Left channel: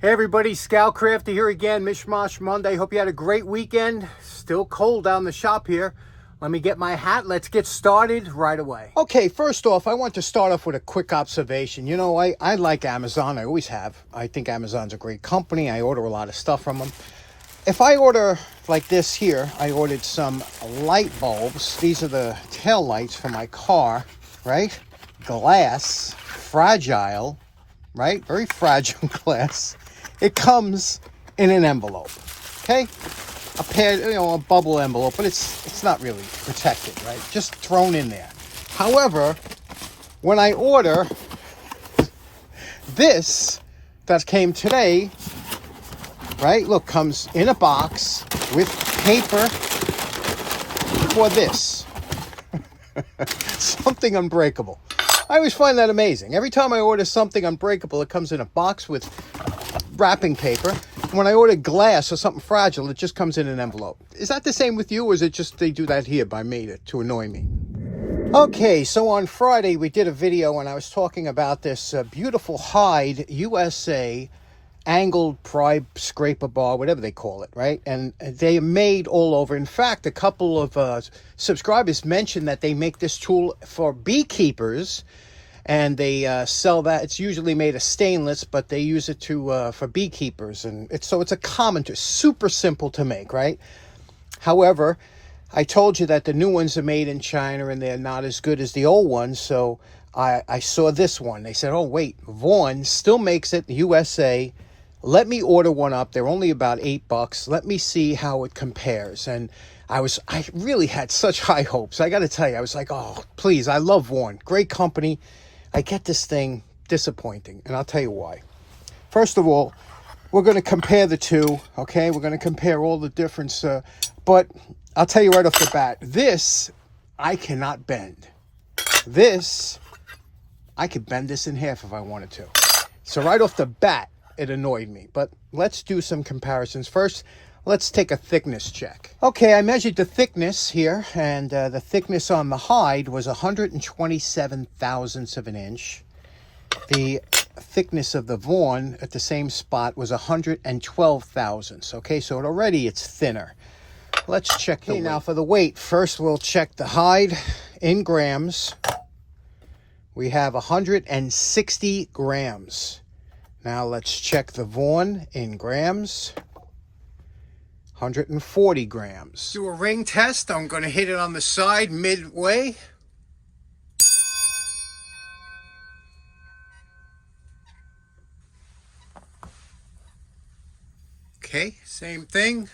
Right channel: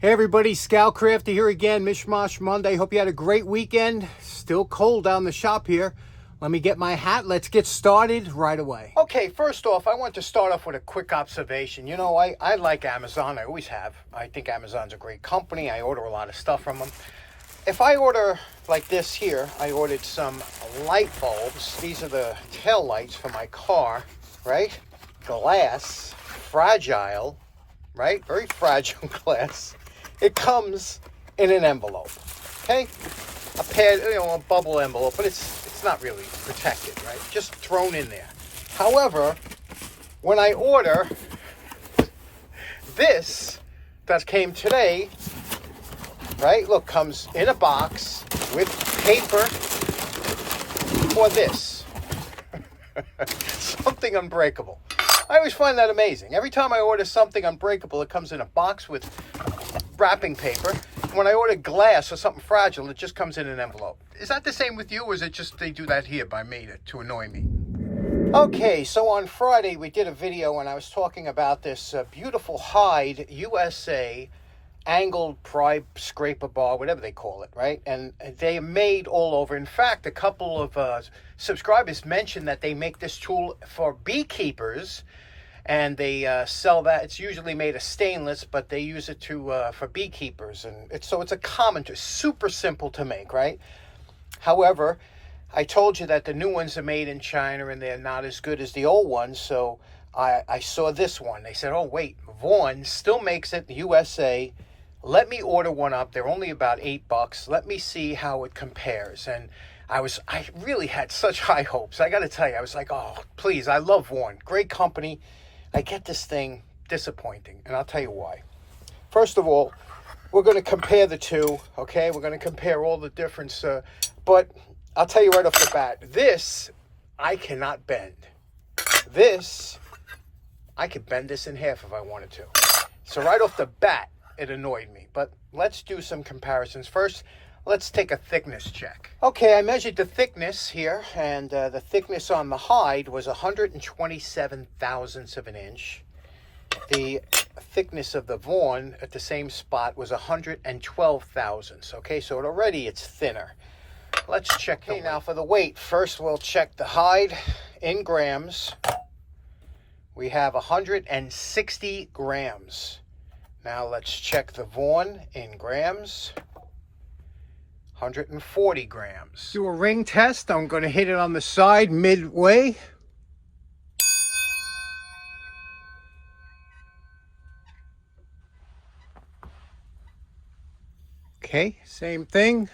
Hey everybody, Scoutcrafter here again, Mishmash Monday. Hope you had a great weekend. Still cold down the shop here. Let me get my hat. Let's get started right away. Okay, first off, I want to start off with a quick observation. You know, I like Amazon. I always have. I think Amazon's a great company. I order a lot of stuff from them. If I order like this here, I ordered some light bulbs. These are the tail lights for my car, right? Glass, fragile, right? Very fragile glass. It comes in an envelope, okay? A pad, a bubble envelope, but it's not really protected, right? Just thrown in there. However, when I order this that came today, right? Look, comes in a box with paper for this. Something unbreakable. I always find that amazing. Every time I order something unbreakable, it comes in a box with wrapping paper. When I order glass or something fragile, it just comes in an envelope. Is that the same with you, or is it just they do that here by me to annoy me? Okay, so on Friday we did a video and I was talking about this beautiful hide USA angled pry scraper bar, whatever they call it, right? And they made all over. In fact, a couple of subscribers mentioned that they make this tool for beekeepers, and they sell that. It's usually made of stainless, but they use it for beekeepers, and it's a common tool, super simple to make, right? However, I told you that the new ones are made in China and they're not as good as the old ones, so I saw this one. They said, oh wait, Vaughan still makes it, USA. Let me order one up. They're only about $8. Let me see how it compares. And I really had such high hopes. I got to tell you, I was like, oh, please, I love Vaughan. Great company. I get this thing disappointing, and I'll tell you why. First of all, we're going to compare the two, okay? We're going to compare all the difference, but I'll tell you right off the bat, this I cannot bend. This, I could bend this in half if I wanted to. So right off the bat, it annoyed me, but let's do some comparisons. First, let's take a thickness check. Okay, I measured the thickness here, and the thickness on the hide was 127 thousandths of an inch. The thickness of the Vaughan at the same spot was 112 thousandths. Okay, so already it's thinner. Let's check the weight. Now for the weight, first we'll check the hide in grams. We have 160 grams. Now let's check the Vaughan in grams. 140 grams. Do a ring test. I'm going to hit it on the side midway. Okay, same thing.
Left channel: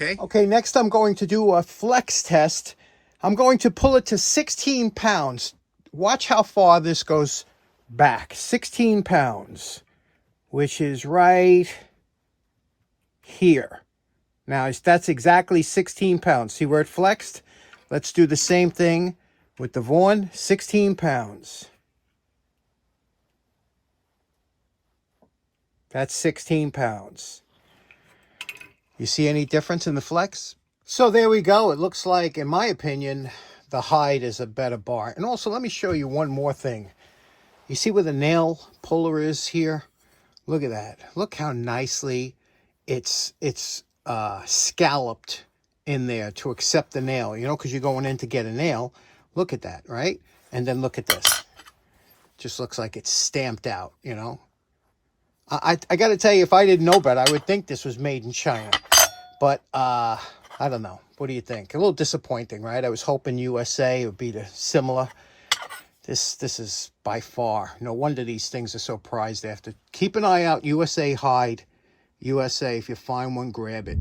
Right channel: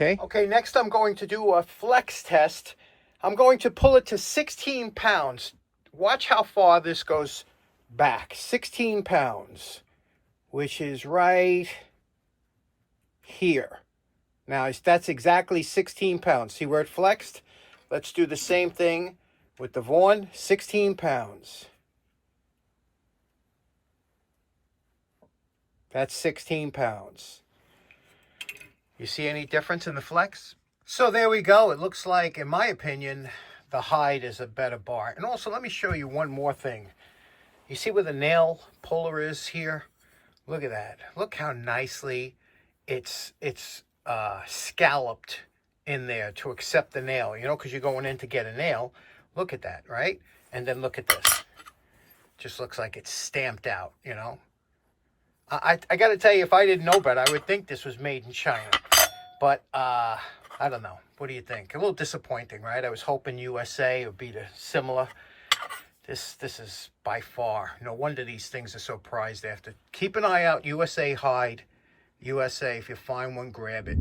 Okay, next I'm going to do a flex test. I'm going to pull it to 16 pounds. Watch how far this goes back. 16 pounds, which is right here. Now, that's exactly 16 pounds. See where it flexed? Let's do the same thing with the Vaughan. 16 pounds. That's 16 pounds. You see any difference in the flex? So there we go. It looks like, in my opinion, the hide is a better bar. And also, let me show you one more thing. You see where the nail puller is here? Look at that. Look how nicely it's scalloped in there to accept the nail. You know, because you're going in to get a nail. Look at that, right? And then look at this. Just looks like it's stamped out, you know. I got to tell you, if I didn't know better, I would think this was made in China. But I don't know. What do you think? A little disappointing, right? I was hoping USA would be similar. This is by far. No wonder these things are so prized after. Keep an eye out. USA hide. USA. If you find one, grab it.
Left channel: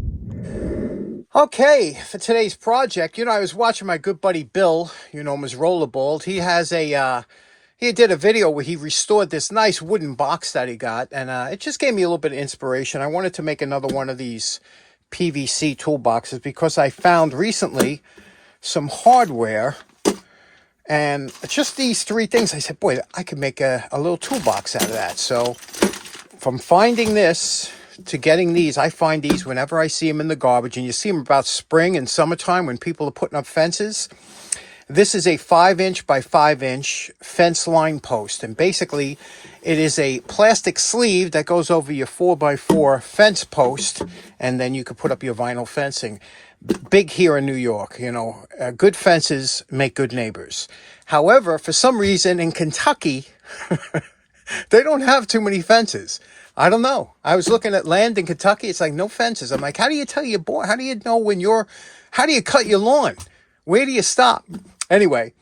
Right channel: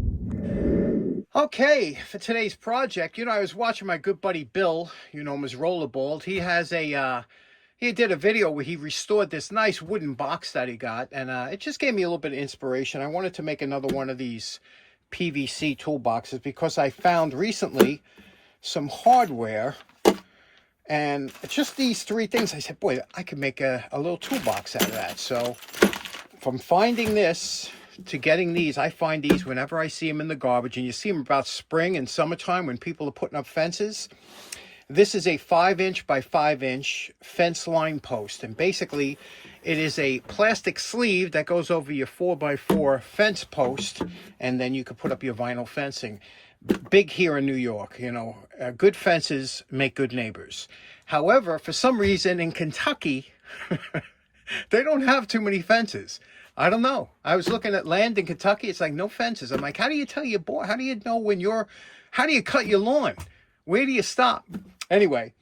Okay, for today's project, you know, I was watching my good buddy Bill, you know him as Rollerball. He has he did a video where he restored this nice wooden box that he got, and it just gave me a little bit of inspiration. I wanted to make another one of these PVC toolboxes because I found recently some hardware, and just these three things. I said, boy, I could make a little toolbox out of that. So from finding this to getting these. I find these whenever I see them in the garbage, and you see them about spring and summertime when people are putting up fences. This is a 5-inch by 5-inch fence line post, and basically it is a plastic sleeve that goes over your 4x4 fence post, and then you can put up your vinyl fencing. Big here in New York, you know, good fences make good neighbors. However, for some reason in Kentucky, they don't have too many fences. I don't know. I was looking at land in Kentucky. It's like no fences. I'm like, how do you tell your boy? How do you know when how do you cut your lawn? Where do you stop? Anyway,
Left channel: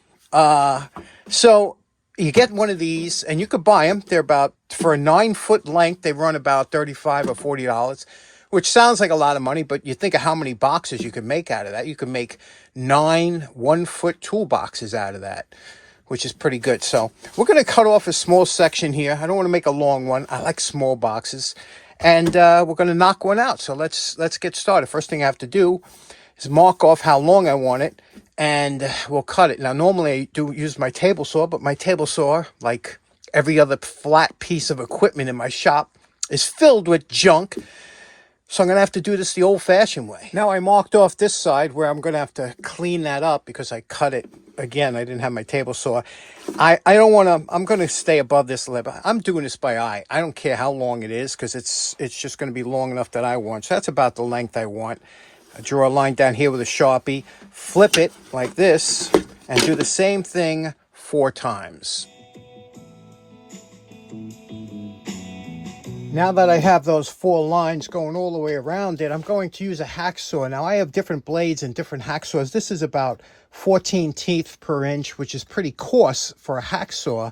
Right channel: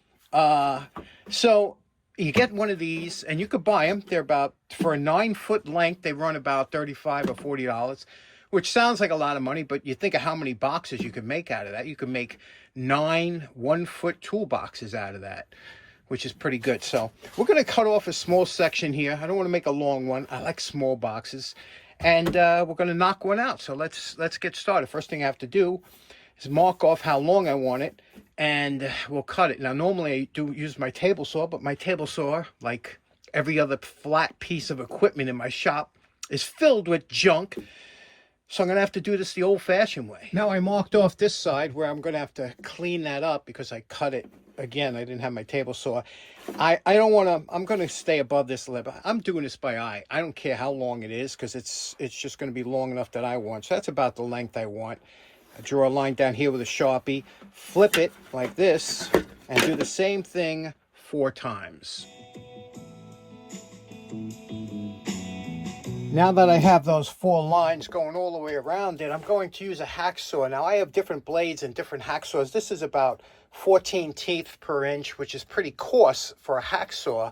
so you get one of these and you could buy them. They're about, for a 9-foot length, they run about $35 or $40, which sounds like a lot of money, but you think of how many boxes you could make out of that. You could make 9 1-foot toolboxes out of that, which is pretty good. So we're going to cut off a small section here. I don't want to make a long one. I like small boxes. And we're going to knock one out. So let's get started. First thing I have to do is mark off how long I want it, and we'll cut it. Now, normally I do use my table saw, but my table saw, like every other flat piece of equipment in my shop, is filled with junk. So I'm going to have to do this the old-fashioned way. Now I marked off this side where I'm going to have to clean that up because I cut it. Again, I didn't have my table saw. I don't want to, I'm going to stay above this lip. I'm doing this by eye. I don't care how long it is because it's just going to be long enough that I want. So that's about the length I want. I draw a line down here with a Sharpie, flip it like this, and do the same thing 4 times. Now that I have those 4 lines going all the way around it, I'm going to use a hacksaw. Now I have different blades and different hacksaws. This is about 14 teeth per inch, which is pretty coarse for a hacksaw,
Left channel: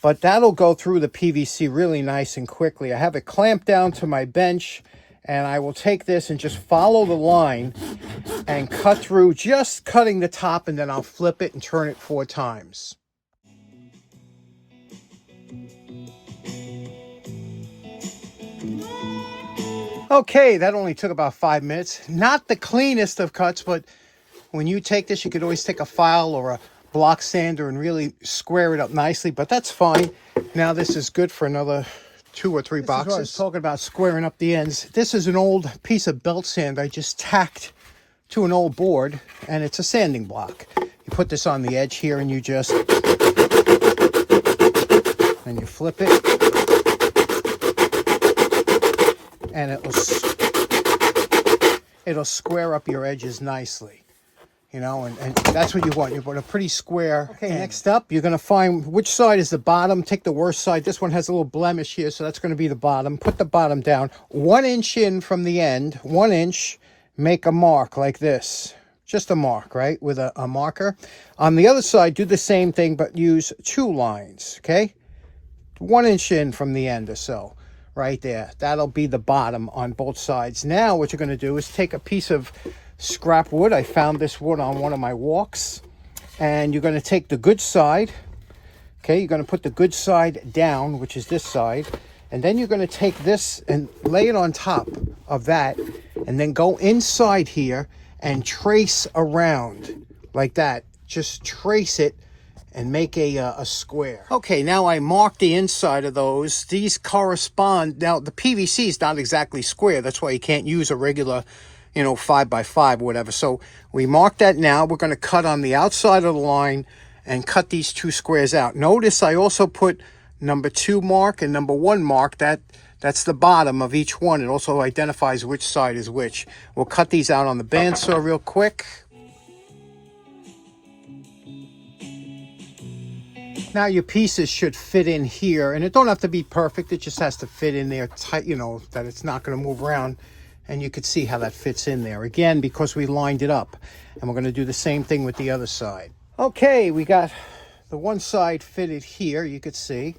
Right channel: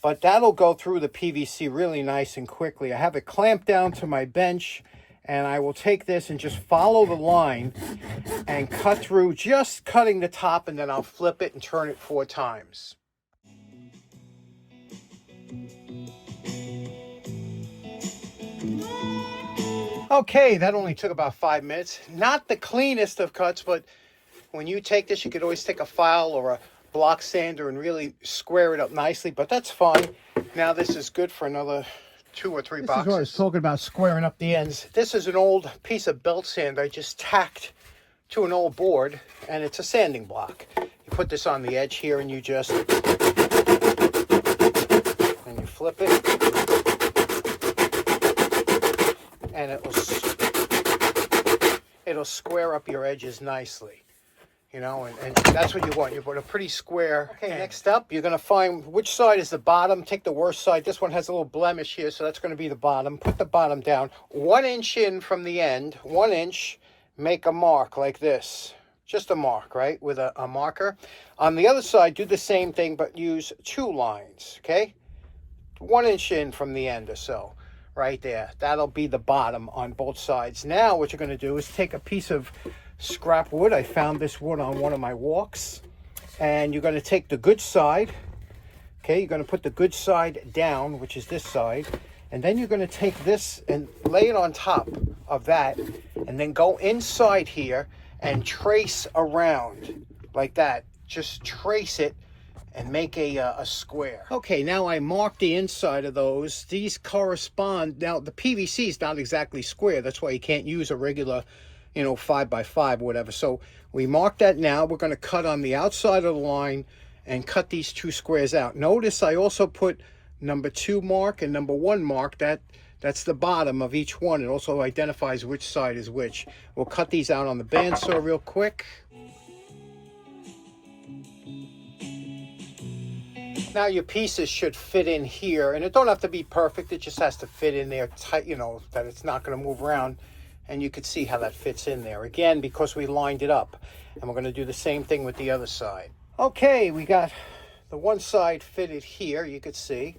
but that'll go through the PVC really nice and quickly. I have it clamped down to my bench, and I will take this and just follow the line and cut through, just cutting the top, and then I'll flip it and turn it 4 times. Okay, that only took about 5 minutes. Not the cleanest of cuts, but when you take this, you could always take a file or a block sander and really square it up nicely, but that's fine. Now this is good for another 2 or 3 boxes. This is what I was talking about, squaring up the ends. This is an old piece of belt sand I just tacked to an old board, and it's a sanding block. You put this on the edge here, and you just, and you flip it, and it'll square up your edges nicely. You know, and that's what you want. You want a pretty square. Okay, next up, you're going to find which side is the bottom. Take the worst side. This one has a little blemish here, so that's going to be the bottom. Put the bottom down 1 inch in from the end. 1 inch, make a mark like this. Just a mark, right, with a marker. On the other side, do the same thing, but use 2 lines, okay? 1 inch in from the end or so, right there. That'll be the bottom on both sides. Now what you're going to do is take a piece of scrap wood. I found this wood on one of my walks, and you're going to take the good side. Okay, you're going to put the good side down, which is this side, and then you're going to take this and lay it on top of that, and then go inside here and trace around like that. Just trace it and make a square. Okay, now I marked the inside of those. These correspond. Now the PVC is not exactly square, that's why you can't use a regular, you know, 5x5 or whatever. So we mark that now. We're going to cut on the outside of the line and cut these 2 squares out. Notice I also put number 2 mark and number 1 mark. That's the bottom of each one. It also identifies which side is which. We'll cut these out on the bandsaw real quick. Now your pieces should fit in here, and it don't have to be perfect. It just has to fit in there tight, you know, that it's not going to move around. And you can see how that fits in there. Again, because we lined it up. And we're going to do the same thing with the other side. Okay, we got the one side fitted here, you could see.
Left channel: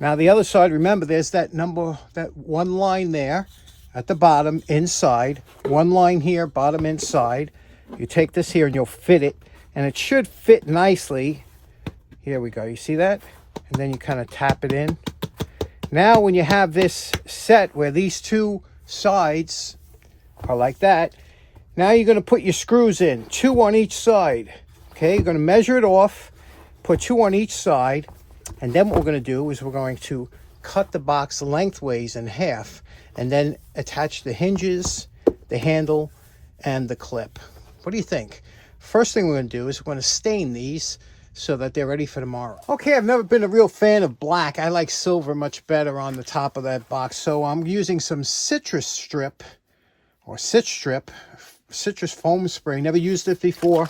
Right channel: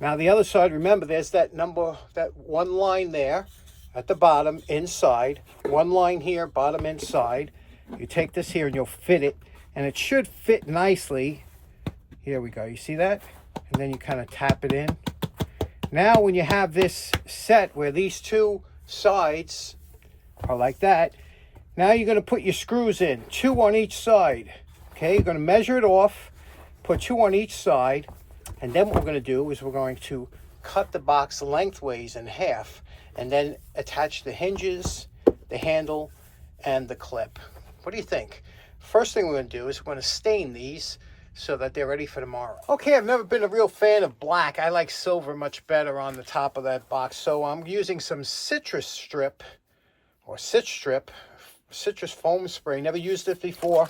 Now the other side, remember there's that 1 line there at the bottom, inside. 1 line here, bottom inside. You take this here and you'll fit it. And it should fit nicely. Here we go, you see that? And then you kind of tap it in. Now when you have this set where these 2 sides are like that, now you're going to put your screws in, 2 on each side. Okay, you're going to measure it off, put 2 on each side, and then what we're going to do is we're going to cut the box lengthways in half. and then attach the hinges, the handle, and the clip. What do you think? First thing we're going to do is we're going to stain these so that they're ready for tomorrow. Okay, I've never been a real fan of black. I like silver much better on the top of that box. So I'm using some citrus strip, or citrus foam spray. Never used it before.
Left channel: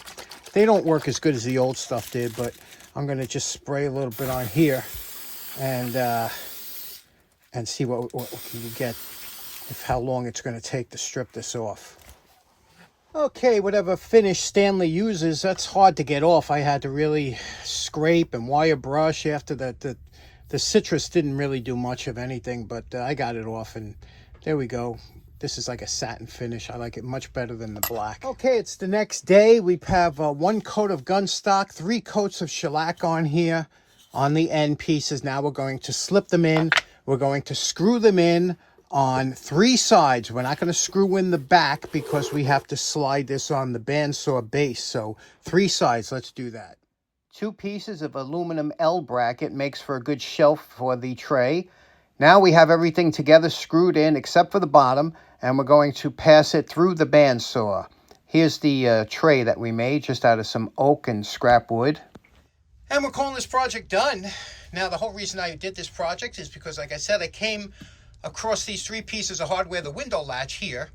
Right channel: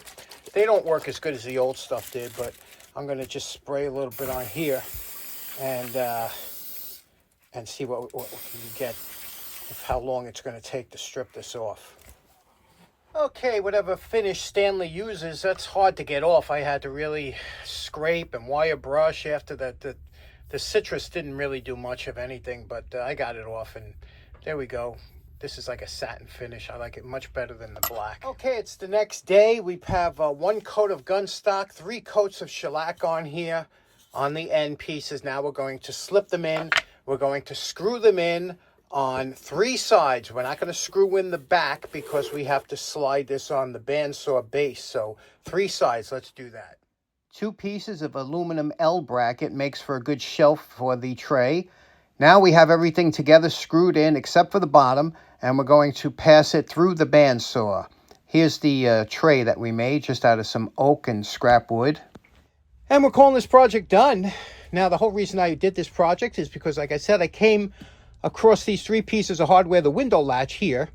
They don't work as good as the old stuff did, but I'm going to just spray a little bit on here and see what we get, of how long it's going to take to strip this off. Okay, whatever finish Stanley uses, that's hard to get off. I had to really scrape and wire brush after that. The citrus didn't really do much of anything, but I got it off, and there we go. This is like a satin finish. I like it much better than the black. Okay, it's the next day. We have 1 coat of gun stock, 3 coats of shellac on here on the end pieces. Now we're going to slip them in. We're going to screw them in on 3 sides. We're not going to screw in the back because we have to slide this on the bandsaw base. So 3 sides, let's do that. 2 pieces of aluminum L bracket makes for a good shelf for the tray. Now we have everything together screwed in except for the bottom, and we're going to pass it through the bandsaw. Here's the tray that we made just out of some oak and scrap wood. And we're calling this project done. Now the whole reason I did this project is because, like I said, I came across these 3 pieces of hardware. The window latch here,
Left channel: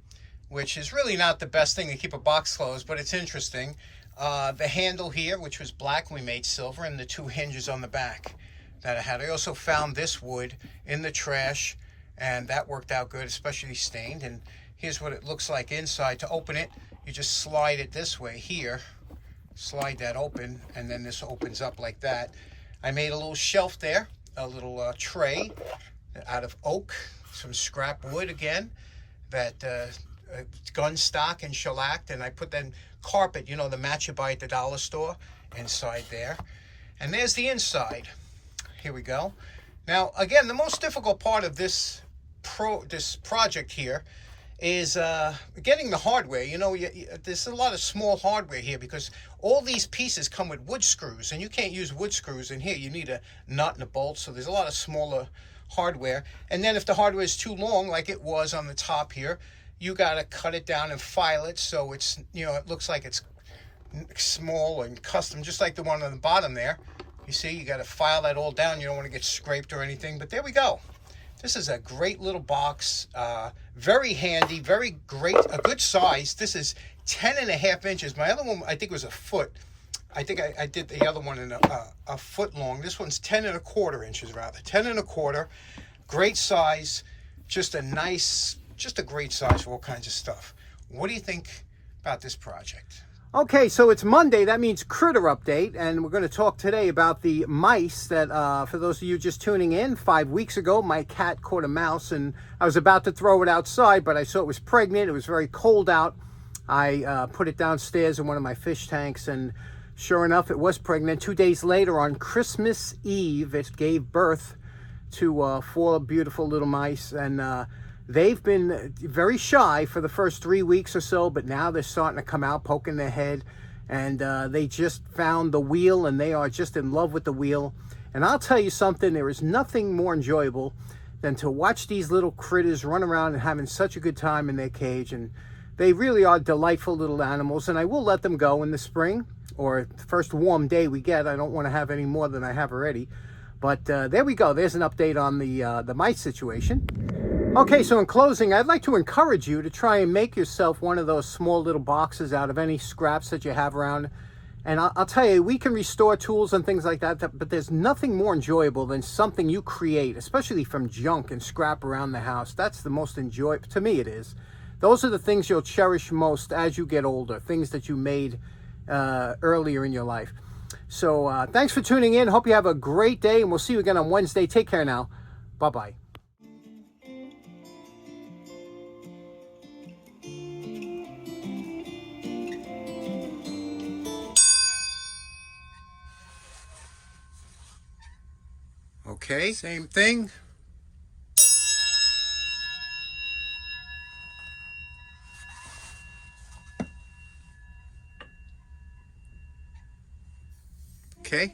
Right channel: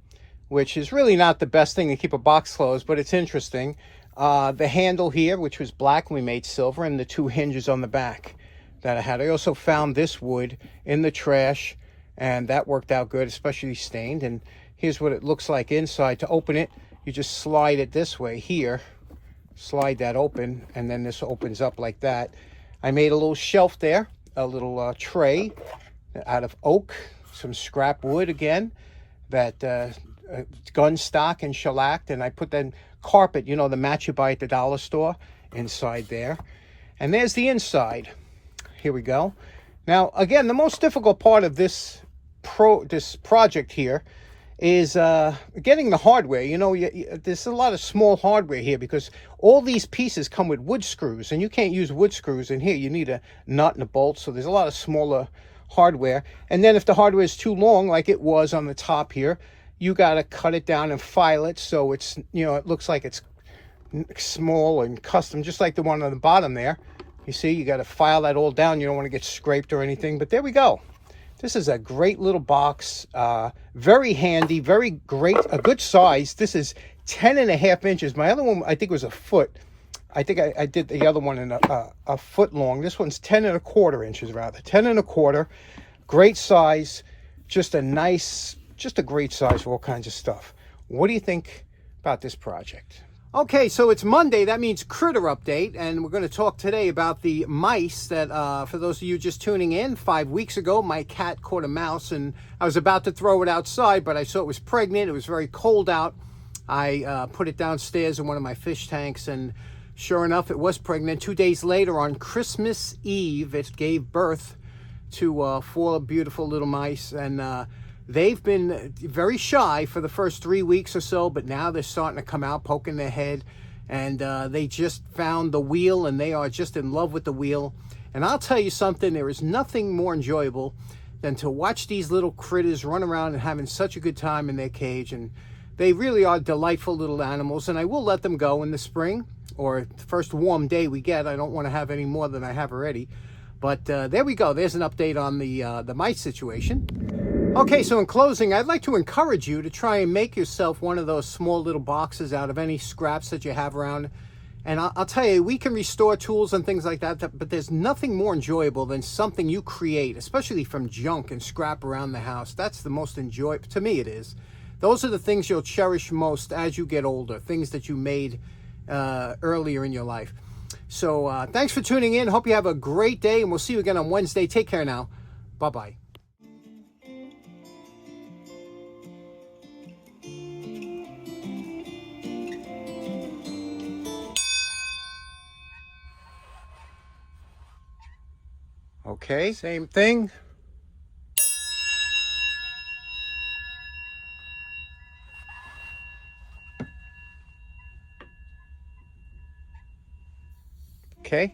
which is really not the best thing to keep a box closed, but it's interesting. The handle here, which was black, we made silver, and the 2 hinges on the back that I had. I also found this wood in the trash, and that worked out good, especially stained. And here's what it looks like inside. To open it, you just slide it this way here, slide that open, and then this opens up like that. I made a little shelf there, a little tray out of oak, some scrap wood again, that gun stock and shellacked, and I put that carpet, you know, the mat you buy at the dollar store, inside there. And there's the inside. Here we go. Now, again, the most difficult part of this project here is getting the hardware. You know, there's a lot of small hardware here because all these pieces come with wood screws, and you can't use wood screws in here. You need a nut and a bolt, so there's a lot of smaller hardware. And then if the hardware is too long, like it was on the top here, you got to cut it down and file it so it's, you know, it looks like it's small and custom, just like the one on the bottom there. You see, you got to file that all down. You don't want to get scraped or anything, but there we go. This is a great little box, very handy, very great, a good size. This is 10.5 inches. My other one, I think, was a foot. I think I did the other one in a foot long. This one's 10.25 inches, rather. 10.25, great size, just a great size for all kinds of stuff. What do you think about this project? Okay, so it's Monday. That means critter update, and we're going to talk today about the mice that, for those of you just tuning in, 5 weeks ago, my cat caught a mouse, and I was about to throw it outside, but I saw it was pregnant. It was very cold out. I put it downstairs in one of my fish tanks, and sure enough, it was pregnant. 2 days later, on Christmas Eve, it gave birth to 4 beautiful little mice, and they've been very shy for the first 3 weeks or so, but now they're starting to come out, poking their head, and they just found the wheel, and they are just in love with the wheel. And I'll tell you something, there is nothing more enjoyable than to watch these little critters run around and having such a good time in their cage. And they really are delightful little animals, and I will let them go in the spring, or the first warm day we get. I don't want to have any more than I have already. But there we go. There's an update on the mice situation. Okay, so in closing, I'd like to encourage you to try and make yourself one of those small little boxes out of any scraps that you have around. And I'll tell you, we can restore tools and things like that, but there's nothing more enjoyable than something you create, especially from junk and scrap around the house. That's the most enjoyable, to me it is. Those are the things you'll cherish most as you get older, things that you made earlier in your life. So thanks for tuning in. Hope you have a great day, and we'll see you again on Wednesday. Take care now. Bye-bye. Okay, same thing. Okay.